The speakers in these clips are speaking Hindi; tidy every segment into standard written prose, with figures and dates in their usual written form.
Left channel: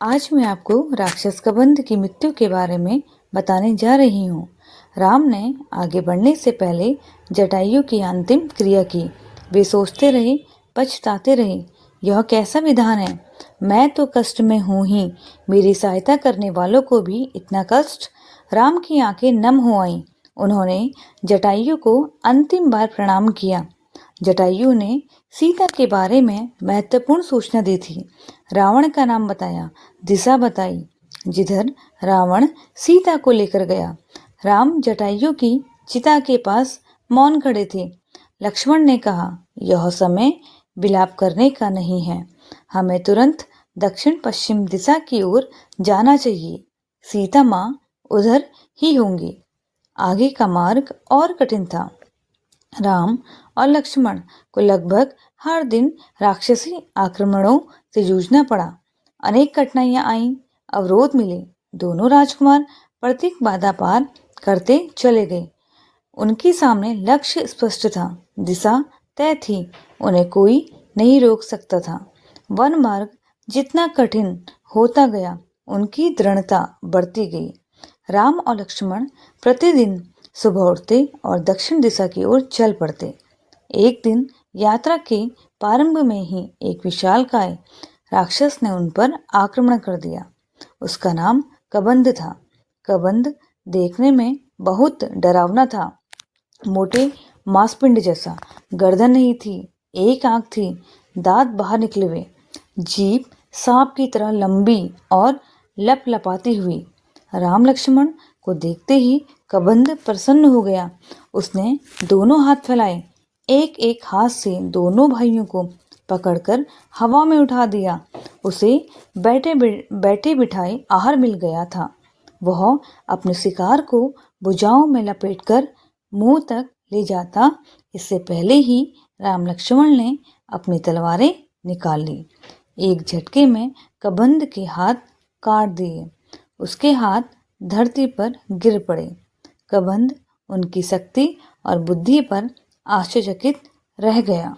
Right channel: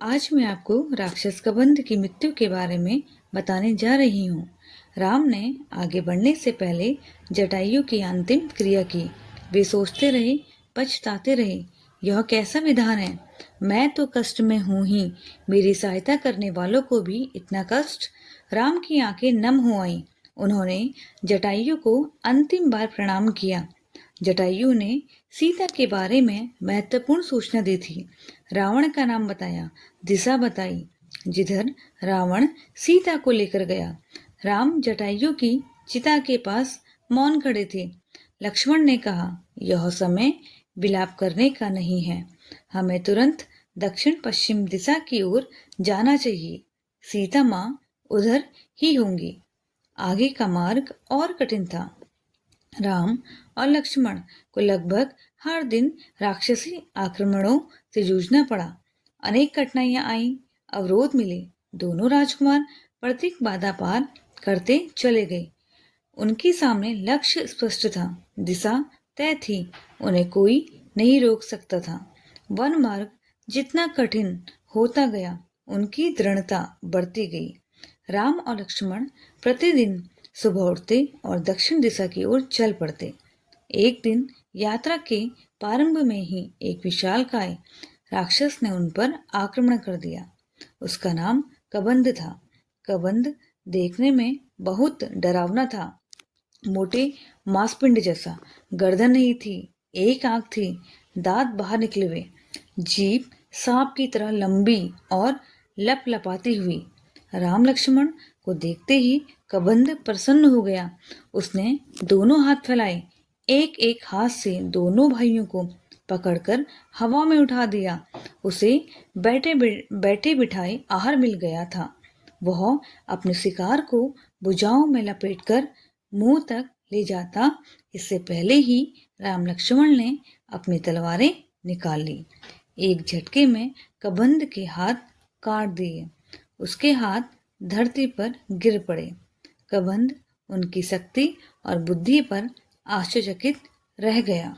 आज मैं आपको राक्षस कबंध की मृत्यु के बारे में बताने जा रही हूँ। राम ने आगे बढ़ने से पहले जटायु की अंतिम क्रिया की। वे सोचते रहे, पछताते रहे, यह कैसा विधान है। मैं तो कष्ट में हूँ ही, मेरी सहायता करने वालों को भी इतना कष्ट। राम की आंखें नम हो आईं। उन्होंने जटायु को अंतिम बार प्रणाम किया। जटायु ने सीता के बारे में महत्वपूर्ण सूचना दी थी। रावण का नाम बताया, दिशा बताई, जिधर रावण सीता को लेकर गया। राम जटायु की चिता के पास मौन खड़े थे। लक्ष्मण ने कहा, यह समय विलाप करने का नहीं है, हमें तुरंत दक्षिण पश्चिम दिशा की ओर जाना चाहिए। सीता माँ उधर ही होंगी। आगे का मार्ग और कठिन था। राम और लक्ष्मण को लगभग हर दिन राक्षसी आक्रमणों से जूझना पड़ा। अनेक कठिनाइयां आईं, अवरोध मिले। दोनों राजकुमार प्रत्येक बाधा पार करते चले गए। उनके सामने लक्ष्य स्पष्ट था, दिशा तय थी, उन्हें कोई नहीं रोक सकता था। वन मार्ग जितना कठिन होता गया, उनकी दृढ़ता बढ़ती गई। राम और लक्ष्मण प्रतिदिन सुबह उठते और दक्षिण दिशा की ओर चल पड़ते। एक दिन यात्रा के प्रारंभ में ही एक विशालकाय राक्षस ने उन पर आक्रमण कर दिया। उसका नाम कबंध था। कबंध देखने में बहुत डरावना था। मोटे मांसपिंड जैसा, गर्दन नहीं थी, एक आंख थी, दांत बाहर निकले हुए, जीभ सांप की तरह लंबी और लपलपाती हुई। राम लक्ष्मण को देखते ही कबंध प्रसन्न हो गया। उसने दोनों हाथ फैलाए, एक एक हाथ से दोनों भाइयों को पकड़कर हवा में उठा दिया। उसे बैठे बिठाए आहार मिल गया था। वह अपने शिकार को भुजाओं में लपेटकर मुंह तक ले जाता, इससे पहले ही राम लक्ष्मण ने अपनी तलवारें निकाल ली। एक झटके में कबंध के हाथ काट दिए। उसके हाथ धरती पर गिर पड़े। कबंध उनकी शक्ति और बुद्धि पर आश्चर्यचकित रह गया।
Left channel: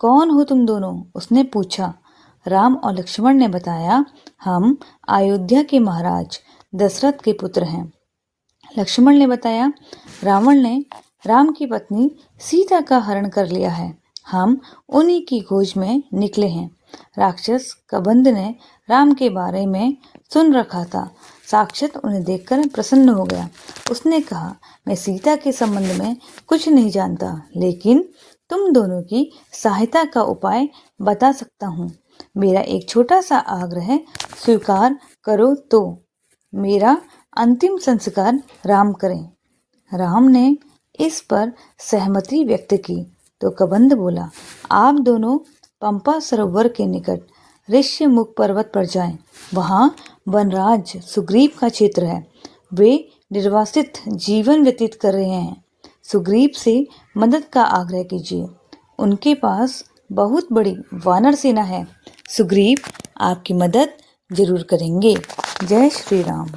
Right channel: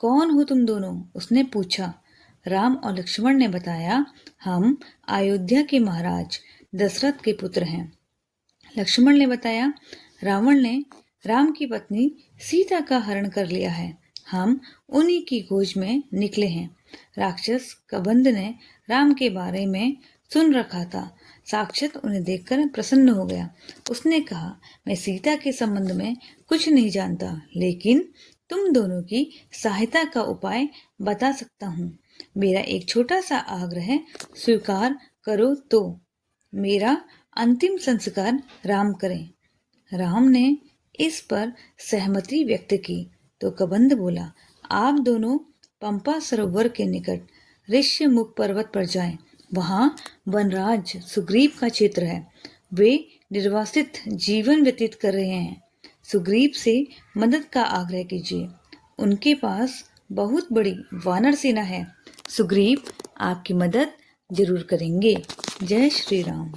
कौन हो तुम दोनों? उसने पूछा। राम और लक्ष्मण ने बताया, हम अयोध्या के महाराज दशरथ के पुत्र हैं। लक्ष्मण ने बताया, रावण ने राम की पत्नी सीता का हरण कर लिया है, हम उन्हीं की खोज में निकले हैं। राक्षस कबंध ने राम के बारे में सुन रखा था, साक्षात उन्हें देखकर प्रसन्न हो गया। उसने कहा, मैं सीता के संबंध में कुछ नहीं जानता, लेकिन तुम दोनों की सहायता का उपाय बता सकता हूँ। मेरा एक छोटा सा आग्रह स्वीकार करो तो मेरा अंतिम संस्कार राम करें। राम ने इस पर सहमति व्यक्त की तो कबंध बोला, आप दोनों पंपा सरोवर के निकट ऋष्यमुख पर्वत पर जाएं। वहां वनराज सुग्रीव का क्षेत्र है। वे निर्वासित जीवन व्यतीत कर रहे हैं। सुग्रीव से मदद का आग्रह कीजिए। उनके पास बहुत बड़ी वानर सेना है। सुग्रीव आपकी मदद जरूर करेंगे। जय श्री राम।